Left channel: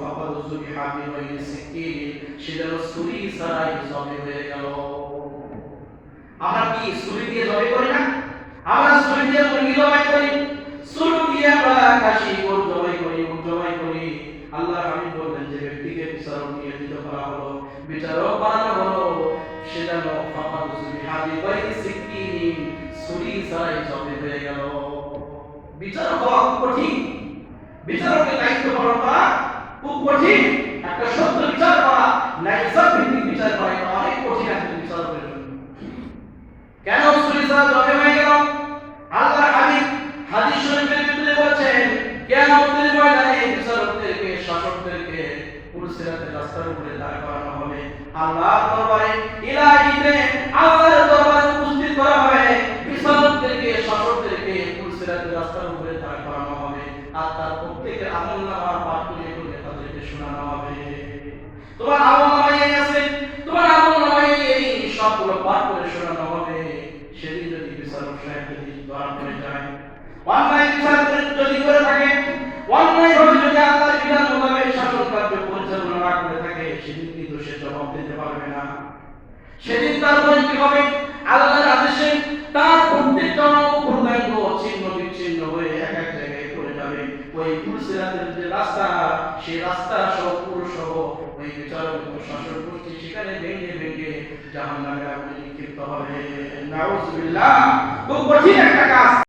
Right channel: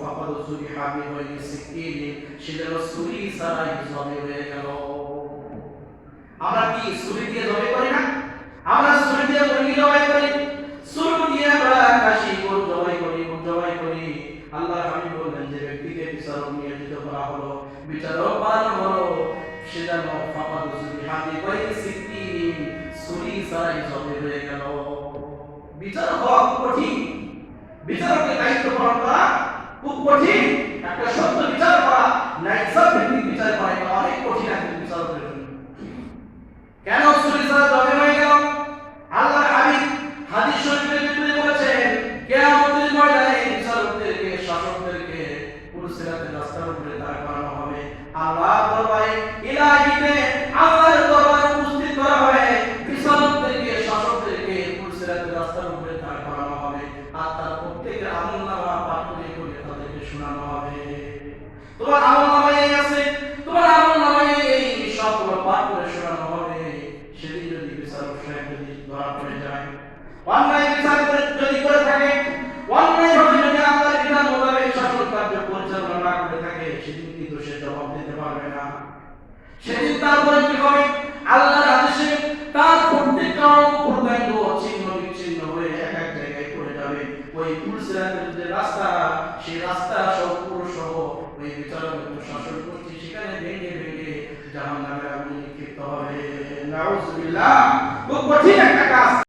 ফাকাদুজুবি হাবি হয়ে সিকিনি সেটা ছুরি ছাড়াই জবে হয়ে গেল। আমরা কি ছুরি দিয়ে জবে করি না? আমরা ছুরি দিয়ে মুরগি জবাই করি, ছুরি দিয়ে আমরা খাসি গরু জবাই করি, উট জবাই করি। আল্লাহ হাবিব বলেন যে ব্যক্তিকে বিচারক নিয়োজিত করা হলো, বিচারক বানানো হলো, সেটা ফাকাদুজুবি হাবি হয়ে সিকিনি ছুরি ছাড়াই জবে হয়ে গেল। বিচারক হওয়া কঠিন, বিচারকের দায়িত্ব পালন করা খুব কঠিন। একটা সত্য বিচার করা, ন্যায়সঙ্গত ভিত্তিক বিচার করা এটা অনেক কঠিন একটা বিচারকের জন্য। কেন ছুরি ছাড়া জবে হয়ে গেল? আল্লাহ হাবিব হাদিস শরীফের ভিতরে বলেছেন, কিয়ামতের ময়দানে বিচারকদেরকে, শাসকদেরকে পুরসিরাতের রাস্তার উপরে দাঁড় করানো হবে। আল্লাহর দরবারে, ইলাহিতে আল্লাহর দরবারে উপস্থিত করা হবে। বিচারকদেরকে, শাসকদেরকে পুরসিরাতের রাস্তার উপরে দাঁড় করানো হবে। আর তার প্রত্যেকের আমলনামা পাঠ করে করে তাদেরকে শোনানো হবে। তোমার আমলনামায় এই আছে, তোমার আমলনামায় এই সবগুলো পাঠ করে শোনানো হবে। সেদিন যদি বিচারক সাহেব যদি ধরা পড়ে যায়, অন্যায় বিচার যদি করে থাকে, অন্যায়ভাবে যদি আল্লাহর বিধান মোতাবেক শাসন কার্য পরিচালনা না করে থাকে, সেদিন কিন্তু সে জবাব দিতে পারবে না। সেদিন তার উপরে কি হবে? আল্লাহর আদেশে তার প্রত্যেকটা অপরাধ ছিন্ন বিচ্ছিন্ন হয়ে এক এক জায়গায় পড়ে যাবে। ওই পুরসিরাতের যে রাস্তা, সেই রাস্তা সহ পুরো সহ ওই বিচারক শাসন করছে, সেখানে ভেঙে ভেঙে জাহান্নামের আগুনে নিক্ষিপ্ত হবে। নাউজুবিল্লাহ। খুব কঠিন একটা কাজ।